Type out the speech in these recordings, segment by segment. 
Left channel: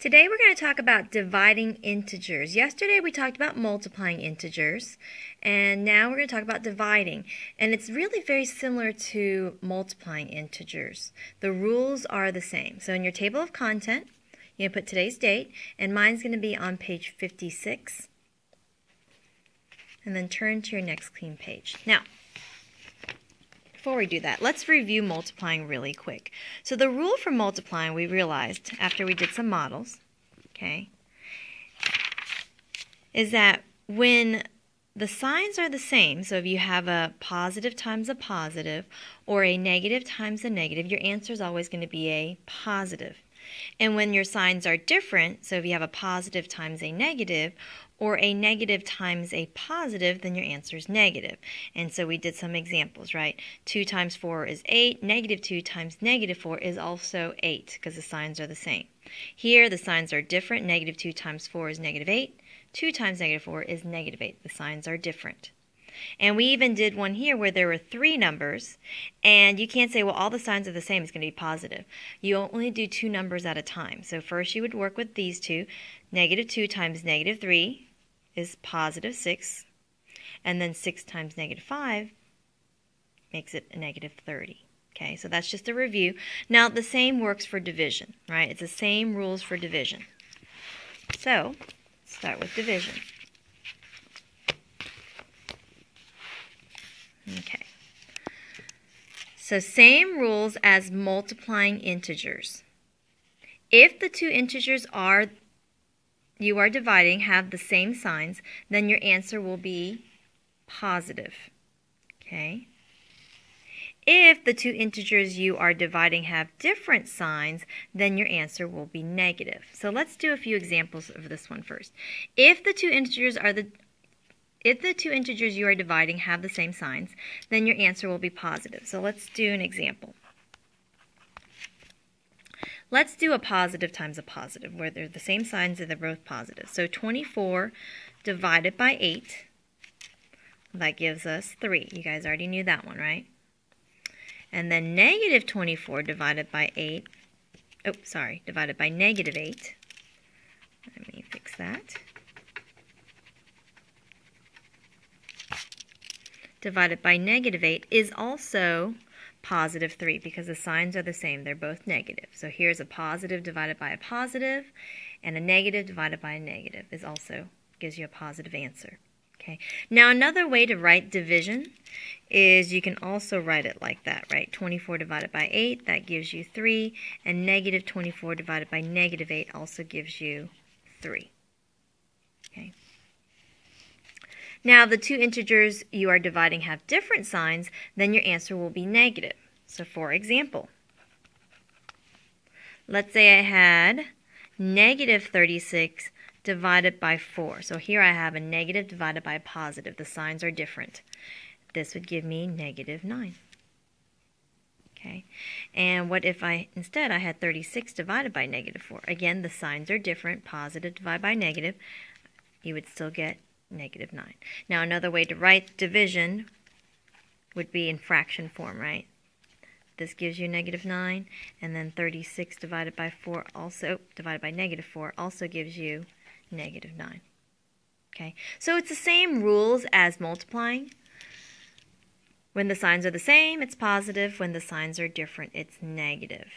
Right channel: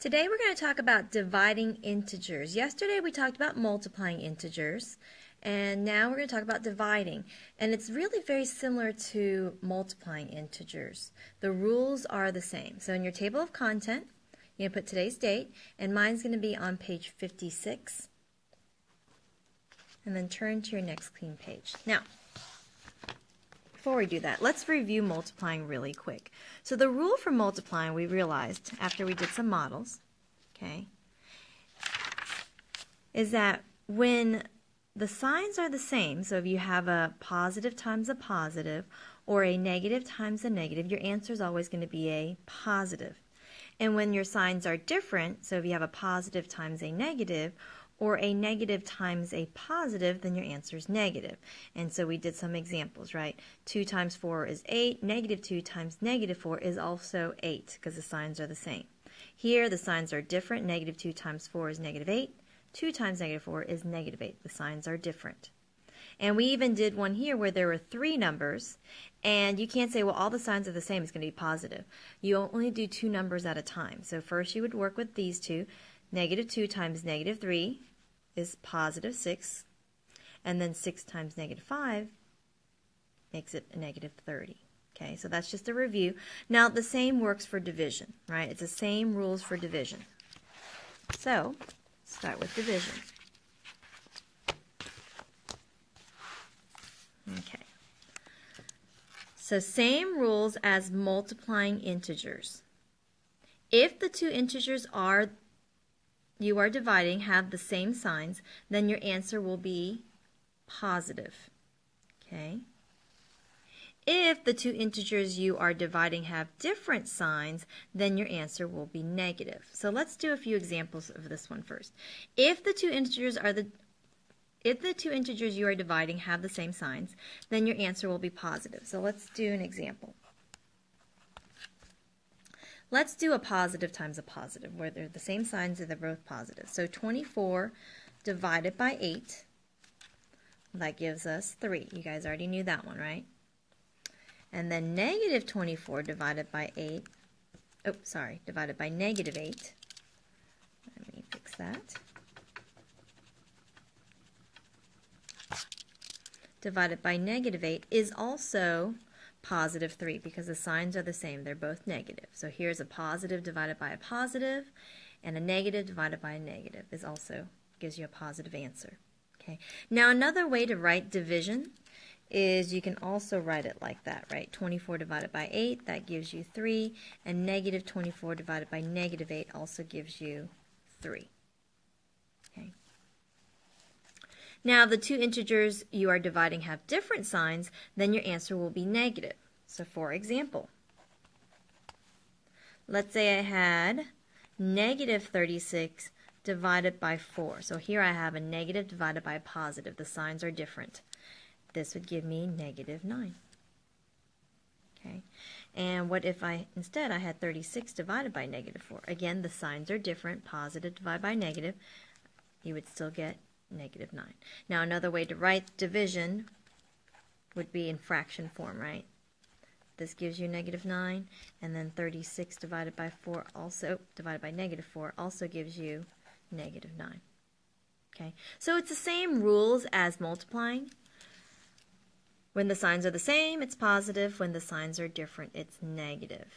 Today we're going to talk about dividing integers. Yesterday we talked about multiplying integers, and now we're going to talk about dividing. And it's really very similar to multiplying integers. The rules are the same. So in your table of content, you're going to put today's date, and mine's going to be on page 56. And then turn to your next clean page. Now, before we do that, let's review multiplying really quick. So the rule for multiplying, we realized after we did some models, okay, is that when the signs are the same, so if you have a positive times a positive or a negative times a negative, your answer is always going to be a positive. And when your signs are different, so if you have a positive times a negative or a negative times a positive, then your answer is negative. And so we did some examples, right? 2 times 4 is 8. Negative 2 times negative 4 is also 8 because the signs are the same. Here, the signs are different. Negative 2 times 4 is negative 8. 2 times negative 4 is negative 8. The signs are different. And we even did one here where there were 3 numbers, and you can't say, well, all the signs are the same, it's going to be positive. You only do 2 numbers at a time. So first you would work with these two. Negative 2 times negative 3 is positive 6, and then 6 times negative 5 makes it a negative 30. Okay, so that's just a review. Now the same works for division, right? It's the same rules for division. So start with division. Okay, so same rules as multiplying integers. If the two integers you are dividing have the same signs, then your answer will be positive. Okay. If the two integers you are dividing have different signs, then your answer will be negative. So let's do a few examples of this one first. If the two integers you are dividing have the same signs, then your answer will be positive. So let's do an example. Let's do a positive times a positive, where they're the same signs and they're both positive. So 24 divided by 8, that gives us 3. You guys already knew that one, right? And then negative 24 divided by divided by negative 8. Let me fix that. Divided by negative 8 is also positive 3 because the signs are the same. They're both negative. So here's a positive divided by a positive, and a negative divided by a negative is also gives you a positive answer. Okay. Now another way to write division is you can also write it like that, right? 24 divided by 8, that gives you 3, and negative 24 divided by negative 8 also gives you 3. Okay. Now, the two integers you are dividing have different signs, then your answer will be negative. So, for example, let's say I had negative 36 divided by 4. So here I have a negative divided by a positive. The signs are different. This would give me negative 9. Okay. And what if instead I had 36 divided by negative 4? Again, the signs are different. Positive divided by negative, you would still get negative 9. Now another way to write division would be in fraction form, right? This gives you negative 9, and then 36 divided by 4 also, divided by negative 4 also gives you negative 9. Okay, so it's the same rules as multiplying. When the signs are the same, it's positive. When the signs are different, it's negative.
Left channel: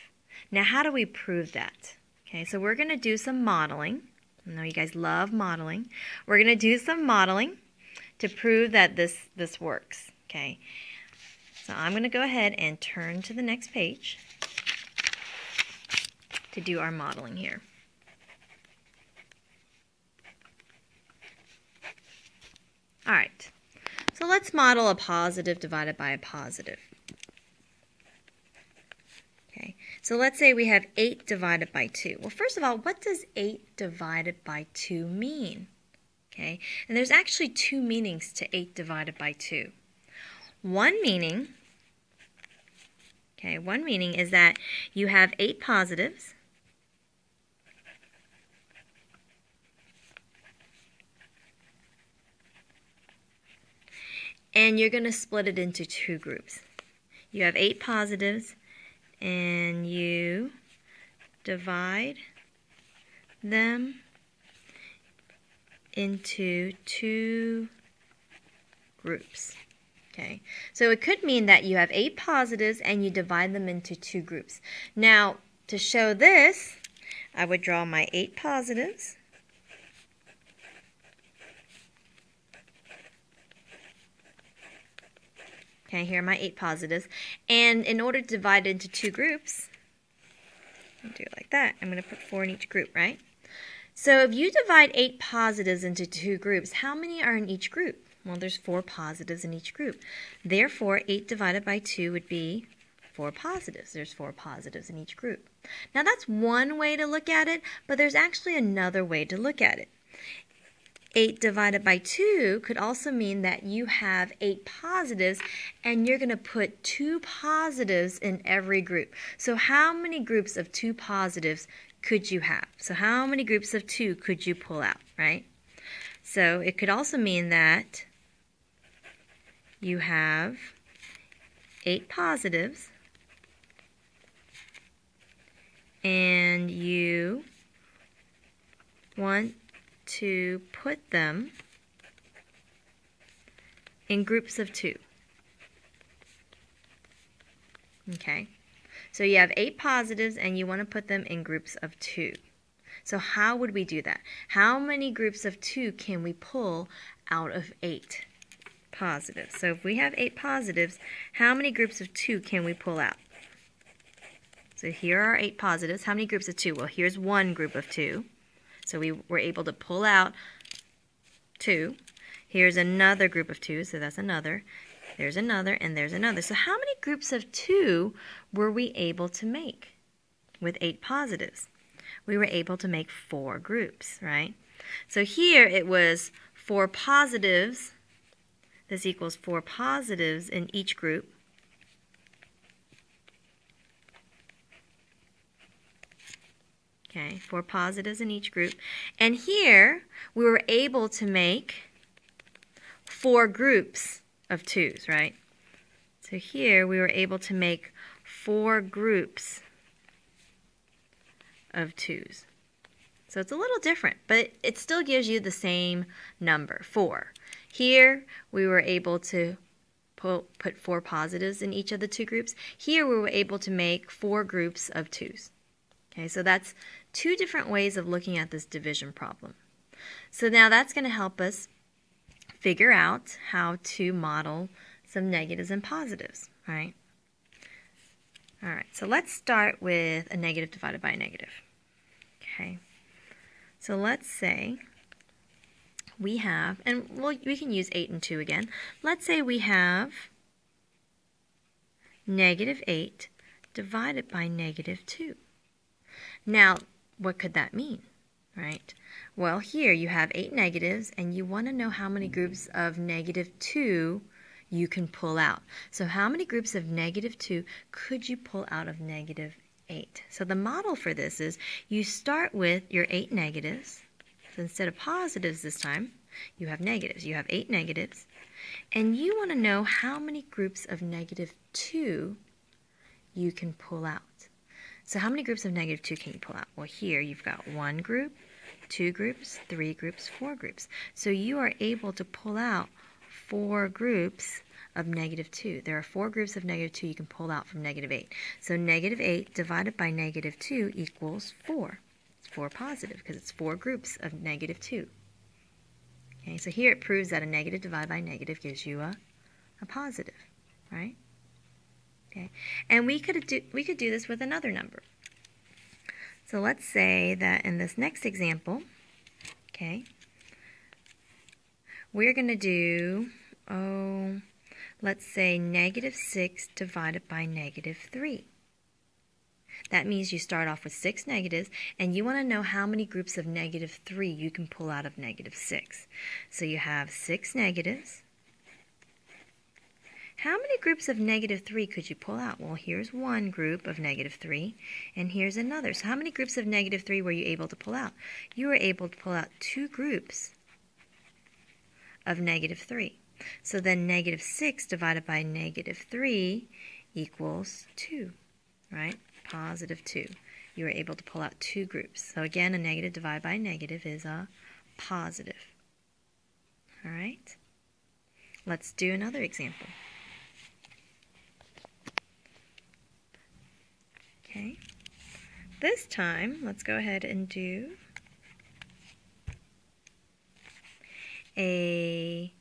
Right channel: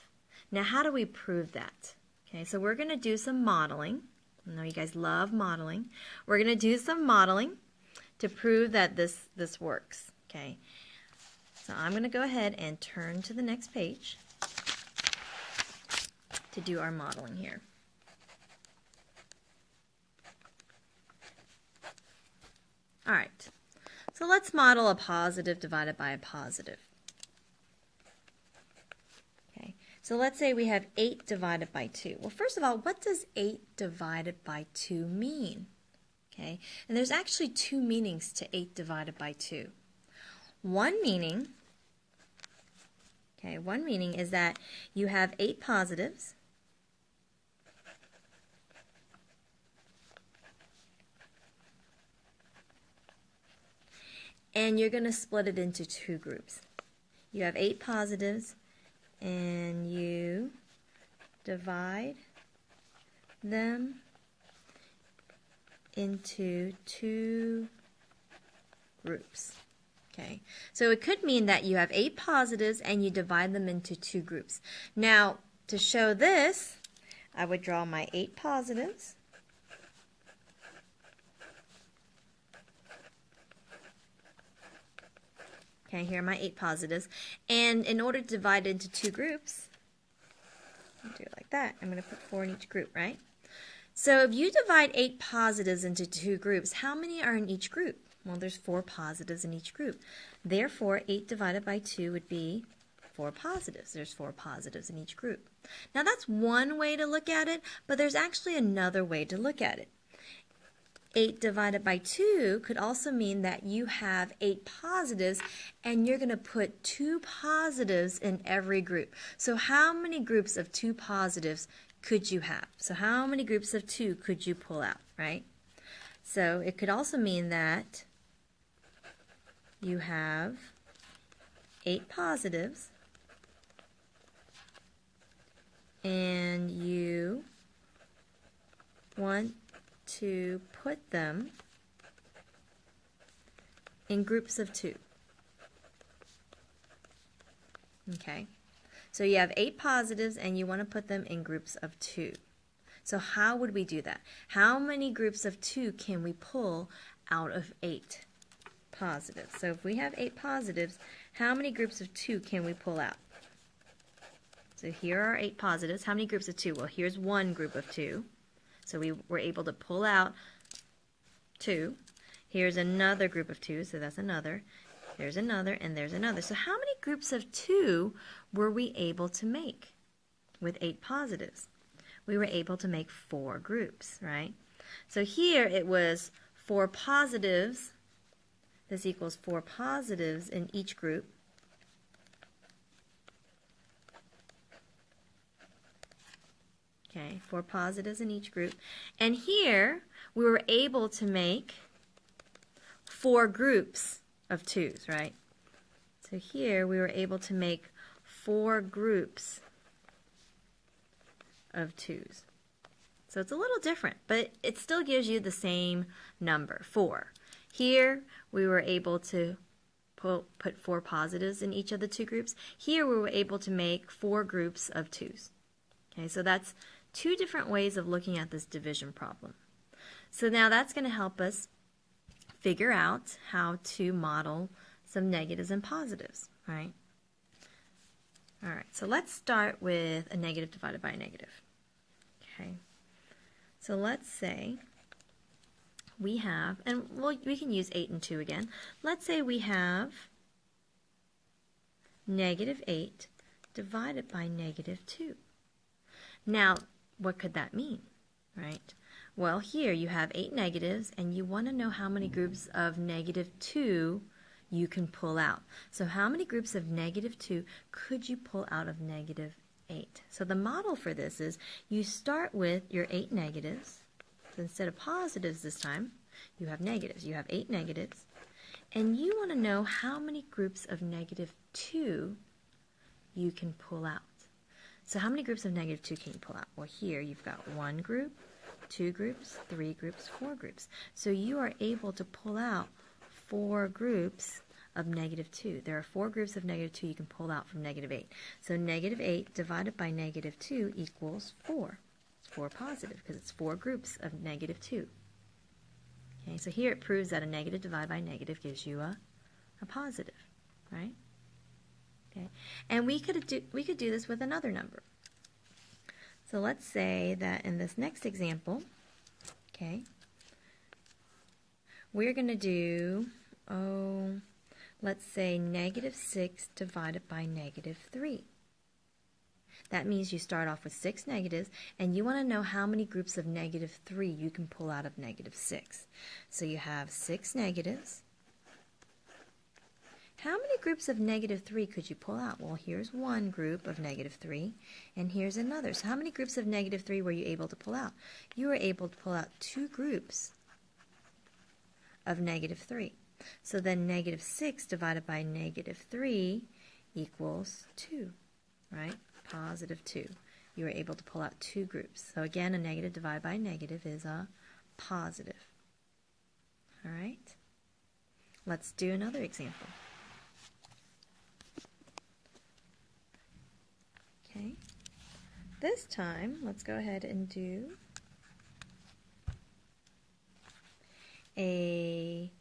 Now how do we prove that? Okay, so we're going to do some modeling. I know you guys love modeling. We're going to do some modeling to prove that this works. Okay. So I'm going to go ahead and turn to the next page to do our modeling here. All right. So let's model a positive divided by a positive. So let's say we have 8 divided by 2. Well, first of all, what does 8 divided by 2 mean? Okay, and there's actually 2 meanings to 8 divided by 2. One meaning is that you have 8 positives and you're going to split it into 2 groups. You have 8 positives and you divide them into 2 groups. Okay, so it could mean that you have 8 positives and you divide them into 2 groups. Now, to show this, I would draw my 8 positives. Okay, here are my 8 positives. And in order to divide it into 2 groups, I'll do it like that. I'm going to put 4 in each group, right? So if you divide 8 positives into 2 groups, how many are in each group? Well, there's 4 positives in each group. Therefore, 8 divided by 2 would be 4 positives. There's 4 positives in each group. Now, that's one way to look at it, but there's actually another way to look at it. 8 divided by 2 could also mean that you have 8 positives and you're going to put 2 positives in every group. So how many groups of 2 positives could you have? So how many groups of 2 could you pull out, right? So it could also mean that you have 8 positives and you want to put them in groups of 2. Okay, so you have 8 positives and you want to put them in groups of 2. So how would we do that? How many groups of 2 can we pull out of 8 positives? So if we have 8 positives, how many groups of 2 can we pull out? So here are 8 positives. How many groups of 2? Well, here's one group of 2. So we were able to pull out 2. Here's another group of 2, so that's another. There's another, and there's another. So how many groups of 2 were we able to make with 8 positives? We were able to make 4 groups, right? So here it was 4 positives. This equals 4 positives in each group. Okay, 4 positives in each group. And here, we were able to make 4 groups of 2s, right? So here, we were able to make 4 groups of 2s. So it's a little different, but it still gives you the same number, 4. Here, we were able to put 4 positives in each of the 2 groups. Here, we were able to make 4 groups of 2s. Okay, so that's 2 different ways of looking at this division problem. So now that's going to help us figure out how to model some negatives and positives, right? All right, so let's start with a negative divided by a negative. Okay, so let's say we have, and we can use 8 and 2 again. Let's say we have negative 8 divided by negative 2. Now, what could that mean, right? Well, here you have 8 negatives, and you want to know how many groups of negative 2 you can pull out. So how many groups of negative 2 could you pull out of negative 8? So the model for this is you start with your 8 negatives. So instead of positives this time, you have negatives. You have 8 negatives, and you want to know how many groups of negative 2 you can pull out. So how many groups of negative 2 can you pull out? Well, here you've got 1 group, 2 groups, 3 groups, 4 groups. So you are able to pull out 4 groups of negative 2. There are 4 groups of negative 2 you can pull out from negative 8. So negative 8 divided by negative 2 equals 4. It's 4 positive because it's 4 groups of negative 2. Okay, so here it proves that a negative divided by negative gives you a positive, right? Okay, and we could do this with another number. So let's say that in this next example, okay, we're going to do, let's say negative 6 divided by negative 3. That means you start off with 6 negatives, and you want to know how many groups of negative 3 you can pull out of negative 6. So you have 6 negatives. How many groups of negative 3 could you pull out? Well, here's one group of negative 3, and here's another. So how many groups of negative 3 were you able to pull out? You were able to pull out 2 groups of negative 3. So then negative 6 divided by negative 3 equals 2, right? Positive 2. you were able to pull out 2 groups. So again, a negative divided by a negative is a positive. All right? Let's do another example. Okay. This time, let's go ahead and do a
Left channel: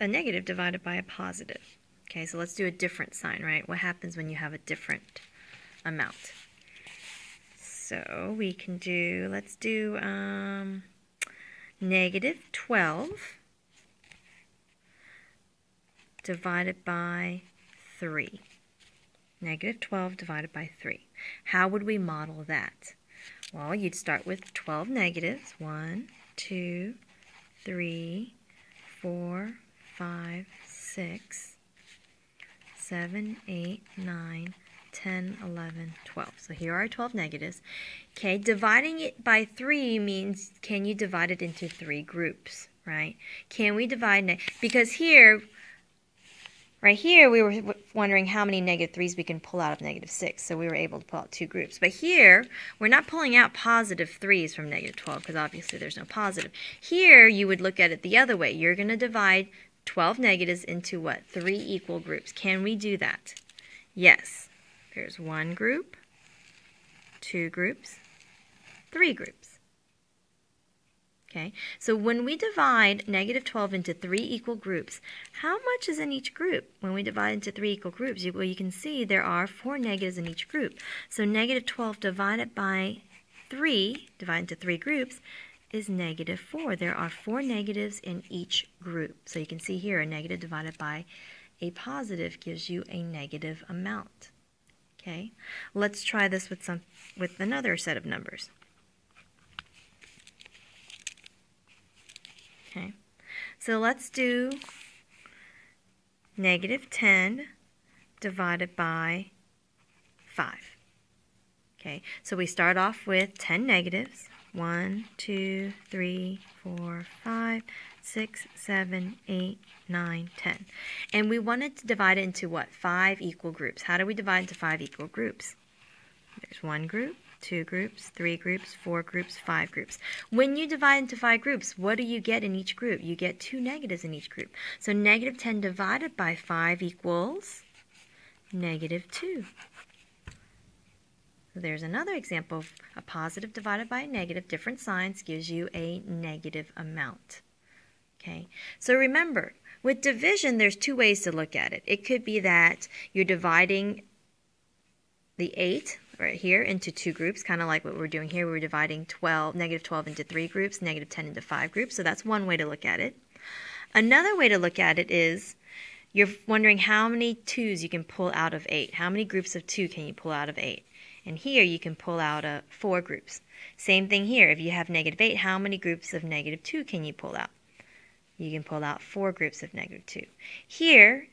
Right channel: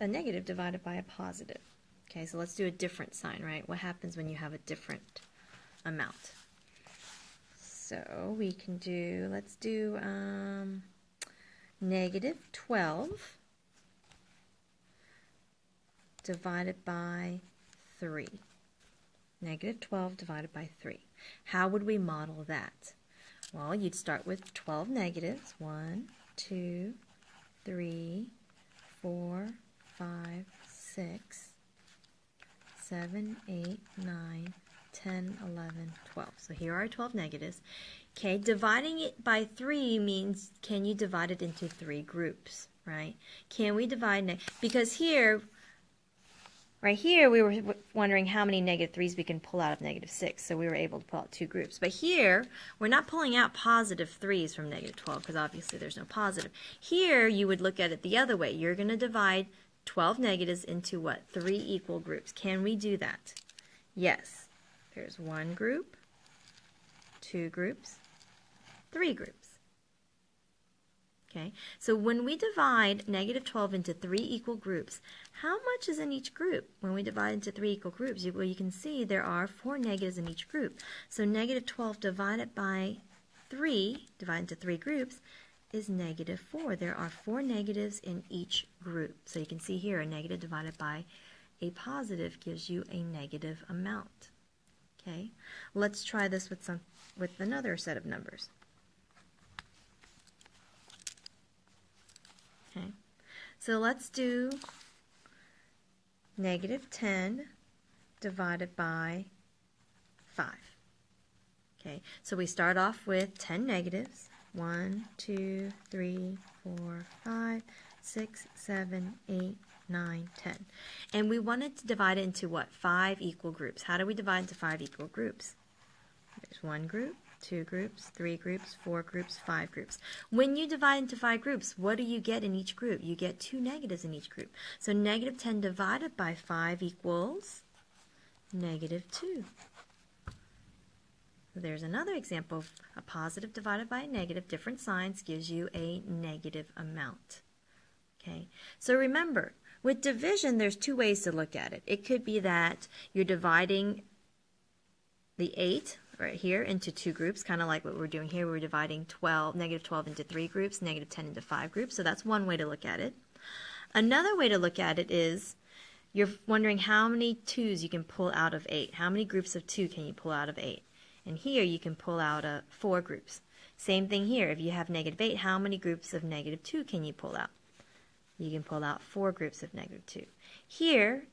negative divided by a positive. Okay, so let's do a different sign, right? What happens when you have a different amount? So we can do, let's do negative 12 divided by 3. Negative 12 divided by 3. How would we model that? Well, you'd start with 12 negatives. 1, 2, 3, 4, 5, 6, 7, 8, 9, 10, 11, 12. So here are 12 negatives. Okay, dividing it by 3 means, can you divide it into 3 groups, right? Can we divide, because here, right here, we were wondering how many negative 3's we can pull out of negative 6, so we were able to pull out 2 groups. But here, we're not pulling out positive 3's from negative 12, because obviously there's no positive. Here, you would look at it the other way. You're going to divide 12 negatives into what? 3 equal groups. Can we do that? Yes. There's 1 group, 2 groups, 3 groups. Okay, so when we divide negative 12 into 3 equal groups, how much is in each group? When we divide into 3 equal groups, well, you can see there are 4 negatives in each group. So negative 12 divided by 3, divided into 3 groups, is negative 4. There are 4 negatives in each group. So you can see here a negative divided by a positive gives you a negative amount. Okay, let's try this with another set of numbers. Okay, so let's do negative 10 divided by 5. Okay, so we start off with 10 negatives. 1, 2, 3, 4, 5, 6, 7, 8, 9, 10. And we wanted to divide it into what? 5 equal groups. How do we divide into 5 equal groups? There's 1 group, 2 groups, 3 groups, 4 groups, 5 groups. When you divide into 5 groups, what do you get in each group? You get 2 negatives in each group. So negative 10 divided by 5 equals negative 2. There's another example of a positive divided by a negative. Different signs gives you a negative amount. Okay, so remember, with division, there's 2 ways to look at it. It could be that you're dividing the 8 right here into 2 groups, kind of like what we're doing here. We're dividing negative 12 into 3 groups, negative 10 into 5 groups. So that's one way to look at it. Another way to look at it is you're wondering how many 2's you can pull out of 8. How many groups of 2 can you pull out of 8? And here you can pull out 4 groups. Same thing here. If you have negative 8, how many groups of negative 2 can you pull out? You can pull out 4 groups of negative 2. Here,